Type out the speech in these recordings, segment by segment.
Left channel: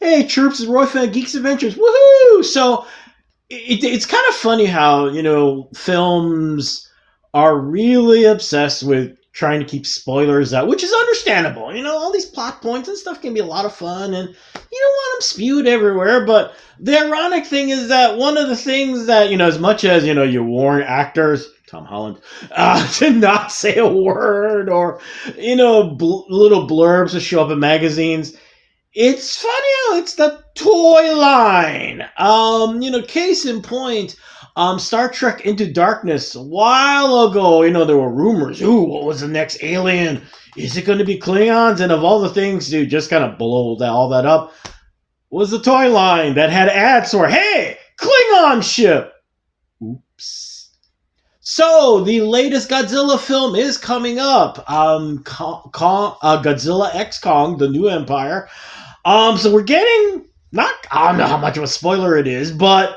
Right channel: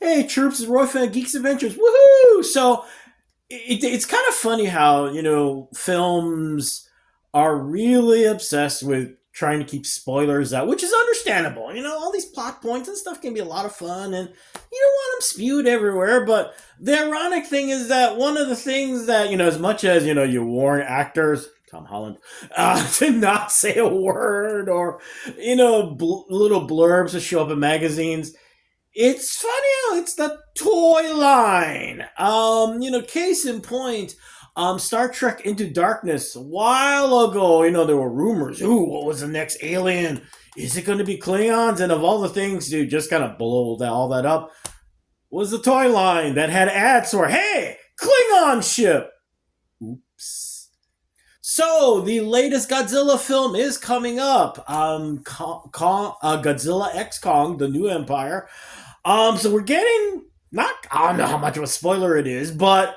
Hey, Chirps is Roy fan Geeks Adventures. Woohoo! So it's kind of funny how films are really obsessed with trying to keep spoilers out, which is understandable. All these plot points and stuff can be a lot of fun, and you don't want them spewed everywhere. But the ironic thing is that one of the things that as much as you warn actors, Tom Holland, to not say a word, or little blurbs to show up in magazines, it's funny how it's the toy line. Case in point, Star Trek Into Darkness. A while ago, there were rumors. Ooh, what was the next alien? Is it going to be Klingons? And of all the things to just kind of blow all that up, was the toy line that had ads for, hey, Klingon ship. Oops. So the latest Godzilla film is coming up. Godzilla X Kong, the New Empire. So we're getting not I don't know how much of a spoiler it is, but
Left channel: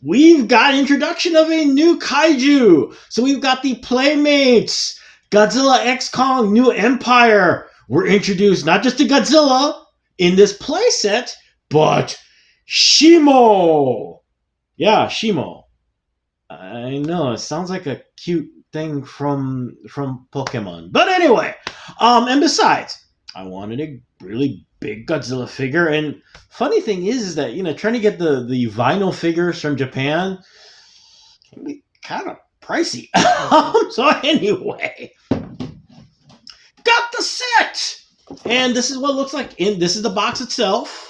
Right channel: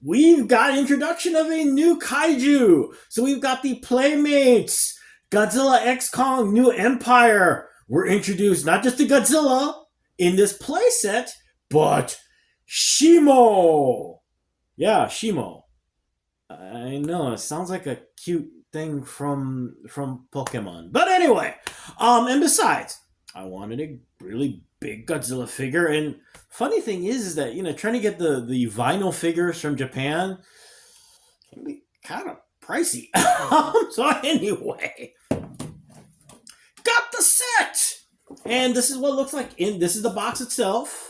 we've got introduction of a new kaiju. So we've got the Playmates, Godzilla X Kong, New Empire. We're introduced not just to Godzilla in this playset, but Shimo. Yeah, Shimo. I know, it sounds like a cute thing from Pokemon. But anyway, and besides, I wanted a really big Godzilla figure. And funny thing is that trying to get the vinyl figures from Japan can be kind of pricey. So anyway, got the set, and this is what it looks like. This is the box itself.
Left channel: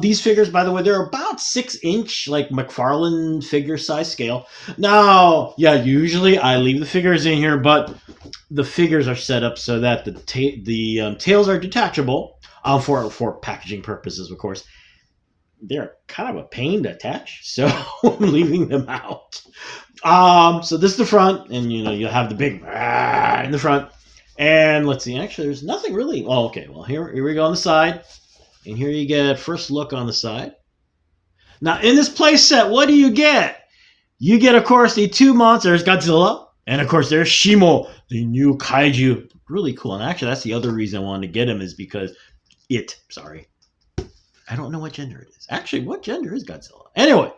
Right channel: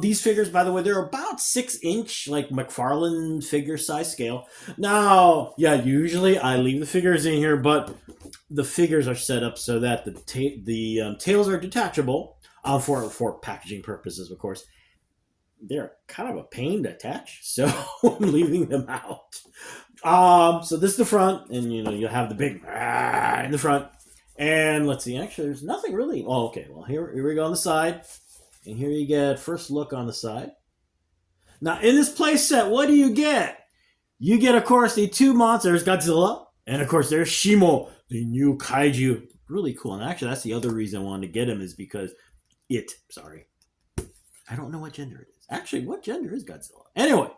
These figures, by the way, they're about 6-inch, like McFarlane figure size scale. Now, yeah, usually I leave the figures in here, but the figures are set up so that the tails are detachable for packaging purposes, of course. They're kind of a pain to attach, so I'm leaving them out. So this is the front, and you'll have the big in the front. And let's see, actually, there's nothing really. Oh, okay. Well, here we go on the side. And here you get first look on the side. Now, in this play set, what do you get? You get, of course, the two monsters, Godzilla, and of course, there's Shimo, the new kaiju. Really cool. And actually, that's the other reason I wanted to get him, is because I don't know what gender it is. Actually, what gender is Godzilla? Anyway,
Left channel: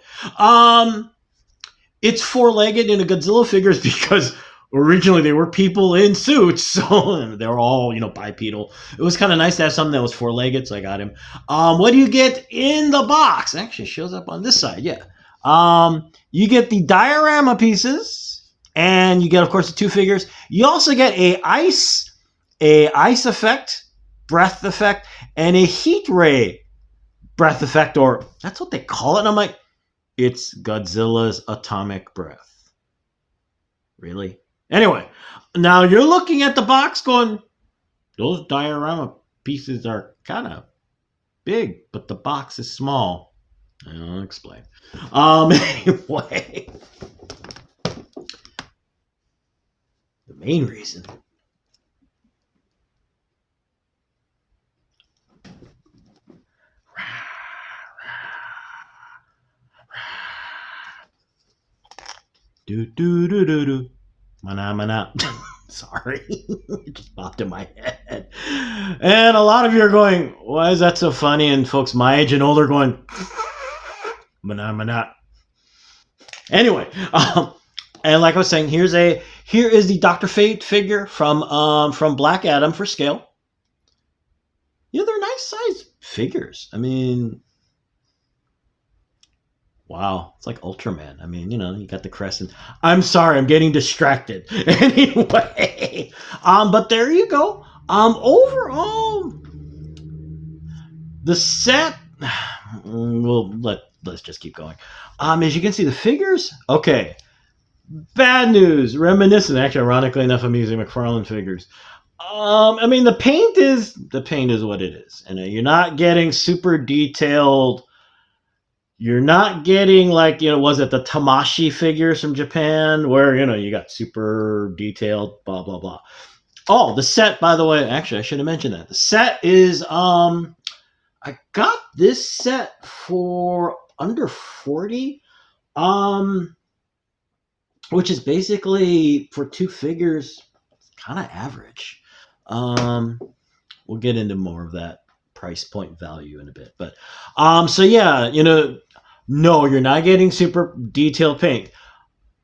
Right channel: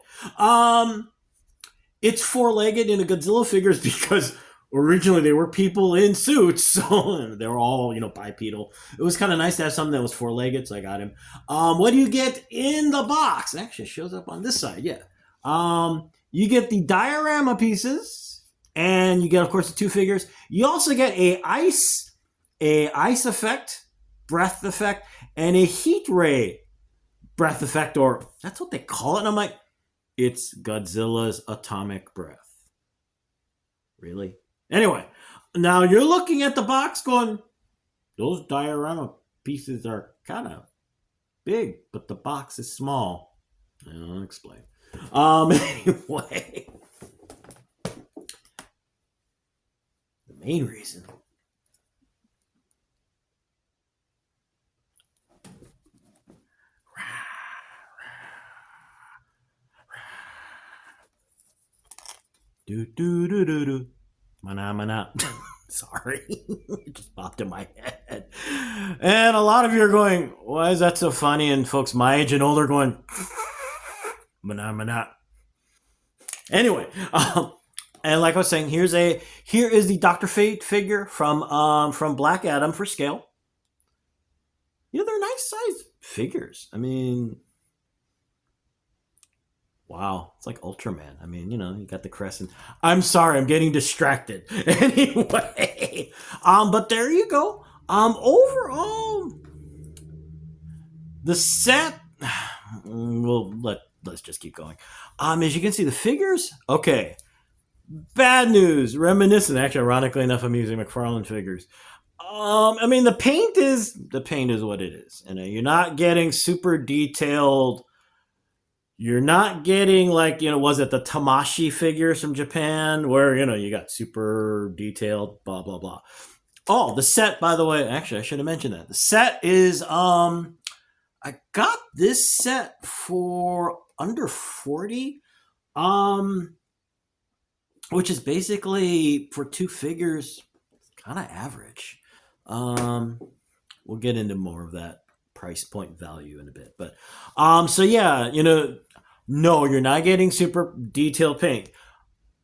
it's four-legged in a Godzilla figures because originally they were people in suits, so they were all bipedal. It was kind of nice to have something that was four-legged, so I got him. What do you get in the box? It actually shows up on this side. Yeah. You get the diorama pieces, and you get, of course, the two figures. You also get a ice effect, breath effect, and a heat ray breath effect, or that's what they call it. And I'm like, it's Godzilla's atomic breath. Really? Anyway, now you're looking at the box going, those diorama pieces are kind of big, but the box is small. I'll explain. Anyway, the main reason. Do do do do do. Mana mana. Sorry, it just popped in my head. And a lot of you are going, why is that so funny? And folks my age and older going, mana mana. Anyway, and like I was saying, here is the Dr. Fate figure from Black Adam for scale. They're nice size figures. I mean, wow, it's like Ultraman. I mean, you got the crescent. I'm sorry, I'm getting distracted. Anyway, but there you go. Overall, the set. Let's just keep going. As you can see, the figures. Okay, bad news. Reminiscent. Actually, ironically enough, I'm using McFarlane figures. I mean, the paint is what it is, and you're not getting super detailed. You're not getting like, was it the Tamashi figures from Japan where, you got super detailed, blah, blah, blah. Oh, the set, by the way, actually, I should have mentioned that. The set is, I got this set for under 40, which is basically for two figures, kind of average. We'll get into more of that price point value in a bit. But so yeah, no, you're not getting super detailed paint.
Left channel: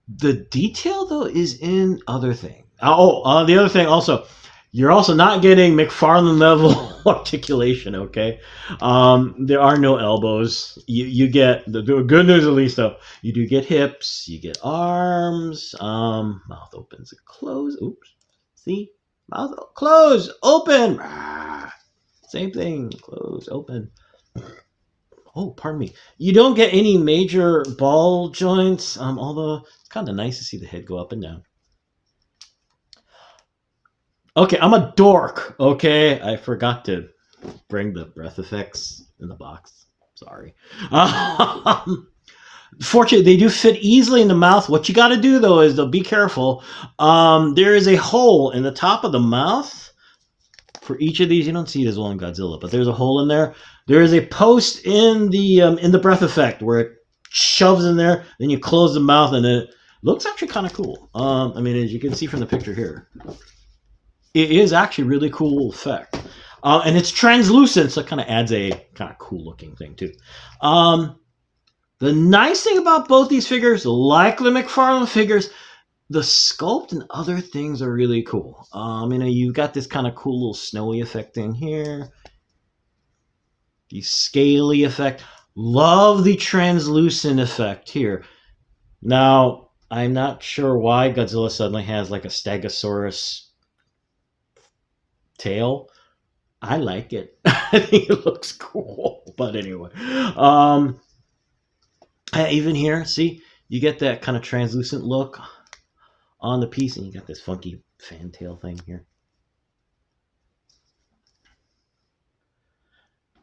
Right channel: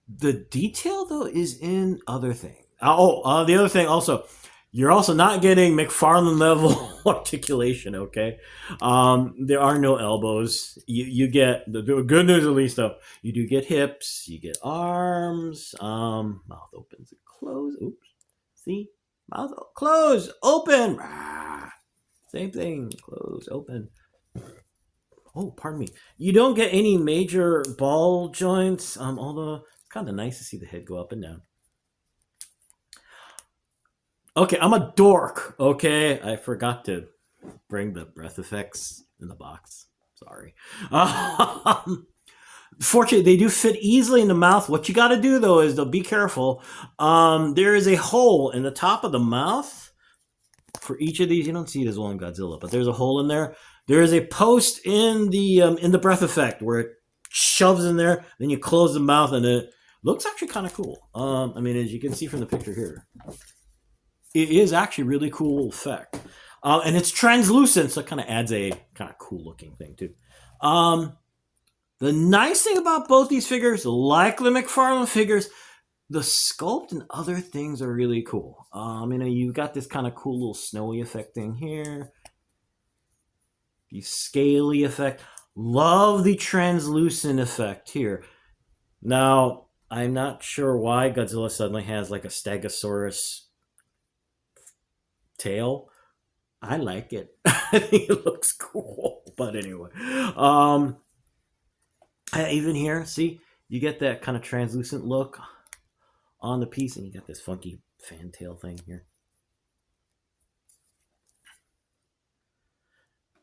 The detail though is in other things. The other thing also, you're also not getting McFarlane level articulation. Okay, there are no elbows. You get the good news at least though. You do get hips. You get arms. Mouth opens and closes. Oops. See, mouth close, open. Same thing. Close, open. Oh, pardon me. You don't get any major ball joints. Although it's kind of nice to see the head go up and down. Okay, I'm a dork. Okay, I forgot to bring the breath effects in the box. Sorry. Fortunately, they do fit easily in the mouth. What you got to do though is be careful. There is a hole in the top of the mouth for each of these. You don't see it as well in Godzilla, but there's a hole in there. There is a post in the breath effect where it shoves in there. Then you close the mouth, and it looks actually kind of cool. I mean, as you can see from the picture here, it is actually really cool effect. And it's translucent, so it kind of adds a kind of cool looking thing too. The nice thing about both these figures, like the McFarlane figures, the sculpt and other things are really cool. You've got this kind of cool little snowy effect in here. The scaly effect. Love the translucent effect here. Now, I'm not sure why Godzilla suddenly has like a Stegosaurus tail. I like it. I think it looks cool. But anyway. Even here, see? You get that kind of translucent look on the piece, and you got this funky fantail thing here.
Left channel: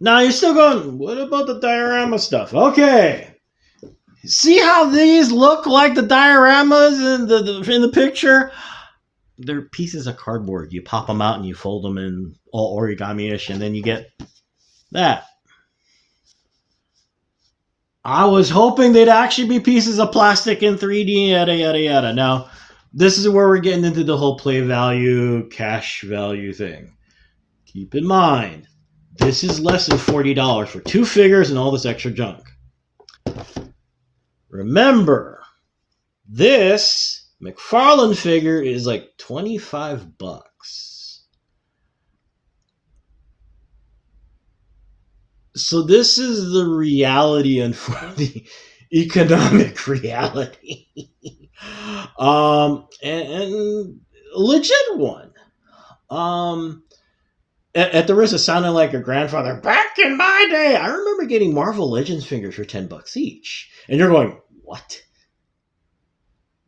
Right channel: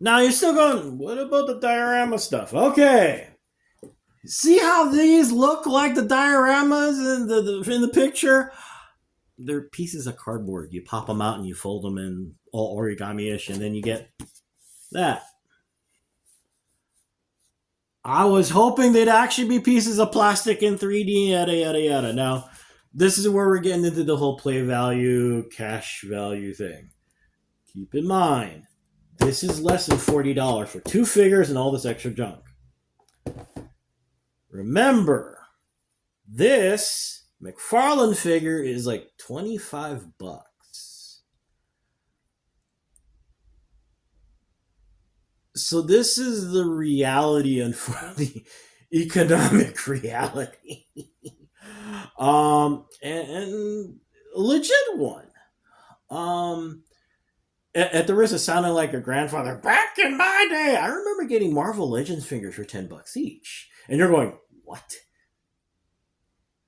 Now you're still going, what about the diorama stuff? Okay. See how these look like the dioramas in the picture? They're pieces of cardboard. You pop them out and you fold them in all origami-ish, and then you get that. I was hoping they'd actually be pieces of plastic in 3D, yada, yada, yada. Now, this is where we're getting into the whole play value, cash value thing. Keep in mind, this is less than $40 for 2 figures and all this extra junk. Remember, this McFarlane figure is like $25. So this is the reality and the economic reality. And legit one. At the risk of sounding like a grandfather, back in my day, I remember getting Marvel Legends figures for $10 each. And you're going, what?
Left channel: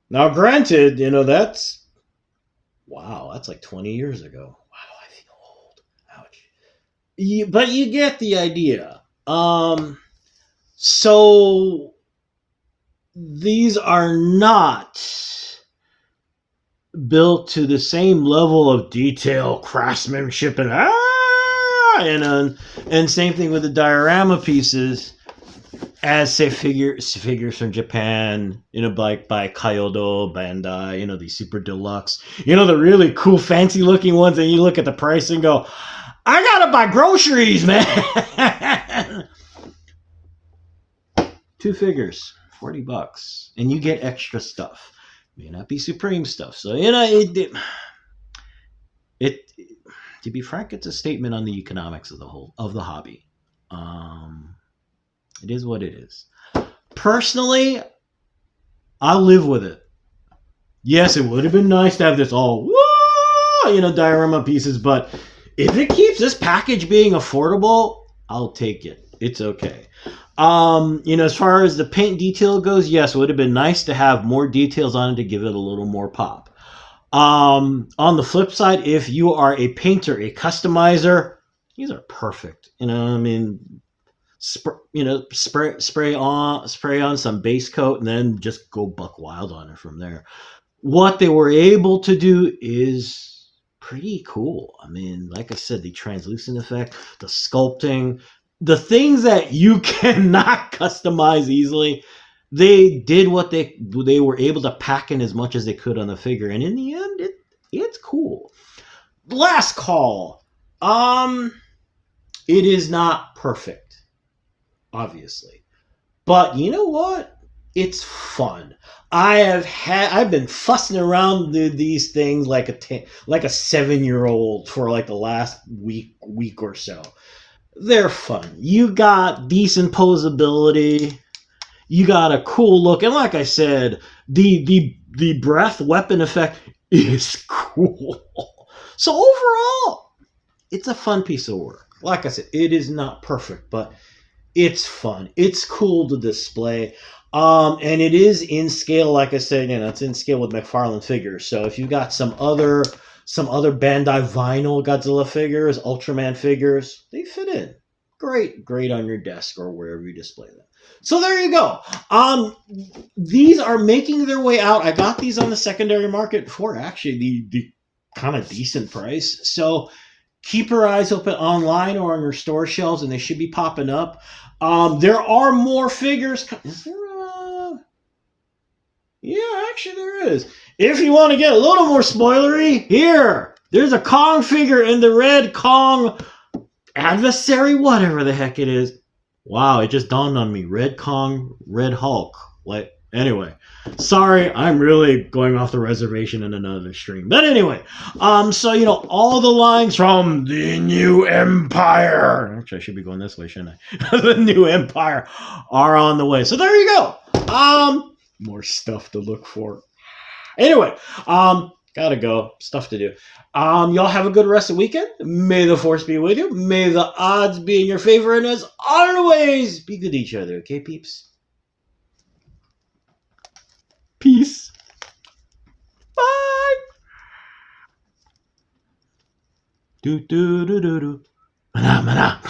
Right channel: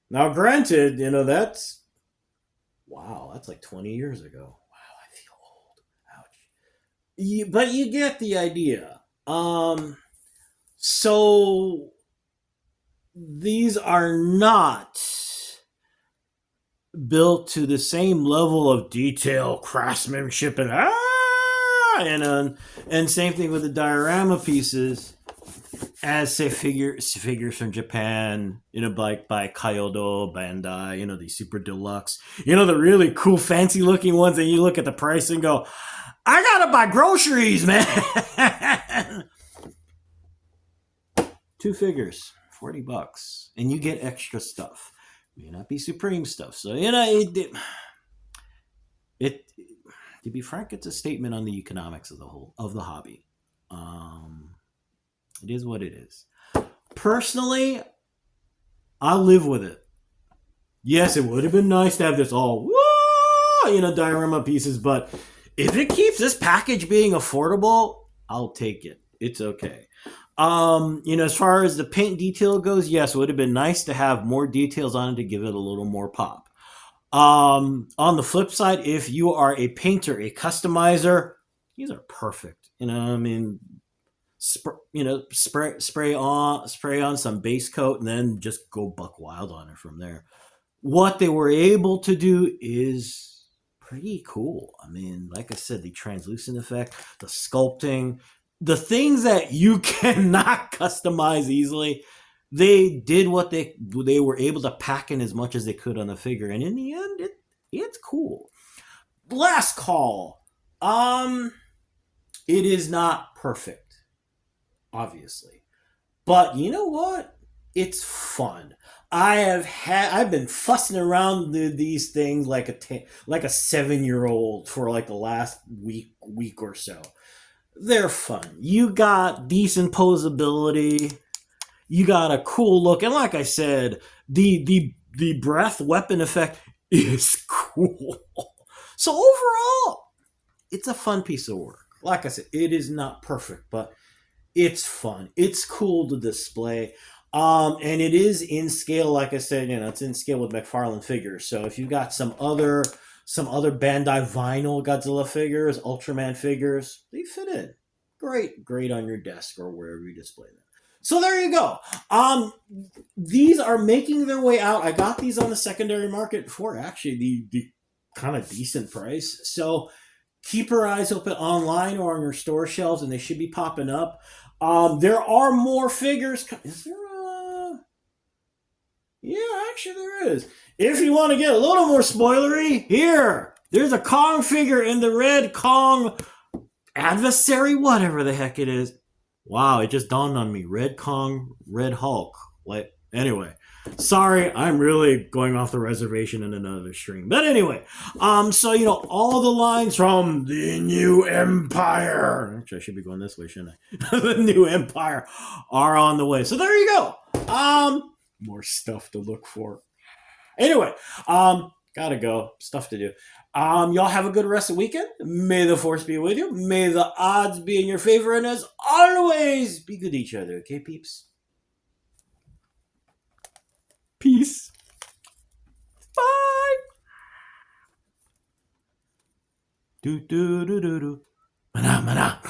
Now, granted, that's like 20 years ago. Wow, I feel old. Ouch. But you get the idea. So these are not built to the same level of detail, craftsmanship, and same thing with the diorama pieces as say figures from Japan, like by Kyoto, Bandai, these super deluxe, the really cool fancy looking ones, and you look at the price and go, I gotta buy groceries, man. 2 figures, $40, and you get extra stuff. May not be Supreme stuff. So, it to be frank, it's a statement on the economics of the hobby. It is what it is. Personally, I'll live with it. Yes, it would have been nice to have this all, diorama pieces, but if it keeps this package being affordable, I'll take it. It's okay. As far as the paint detail goes, yes, it would have been nice to have more details on it to give it a little more pop. On the flip side, if you are a painter, a customizer, these are perfect. Spray on some base coat and then just go buck wild on it from there. What they were able to do is pretty cool. Like I said, the translucent effect, the sculpting, the things that you cannot customize easily, they did what they were able to pack in as much as they could on the figure, and in the end, it's cool. Last call. It is not perfect, obviously. But you know what? It's fun. I've been fussing around these things like like a 7-year old for like the last week or so. They're fun. You got decent posability. You got a cool look, and like I said, the breath weapon effect is cool. So overall, it's a fun piece of work. Like I said, it is not perfect, but it's fun. It's cool to display. And it is in scale, like I said, it's in scale with McFarlane figures. So if you got some other Bandai vinyl Godzilla figures, Ultraman figures, they fit in. Great on your desk or wherever you display them. So there you go. These are making their way out. I got these on the secondary market for actually the kind of decent price. So keep your eyes open online or on your store shelves, and they should be popping up. There are more figures. Is there a... Yeah, actually there is. If you want to get a little more spoilery, there's a Kong figure in the red Kong adversary, whatever the heck it is. Wow, it just dawned on me. Red Kong, Red Hulk. Anyway, sorry, I'm really going off the reservation in another stream. But anyway, so all the lines from the New Empire. Actually, I should be going this way, shouldn't I? The New Empire are on the way. So there you go. More stuff to look for. Anyway, gotta go. Stuff to do. Y'all have a good rest of the weekend. May the force be with you. May the odds be in your favor. And as always, be good to each other. Okay, peeps? Peace. Bye. Do do do do do. Mana mana.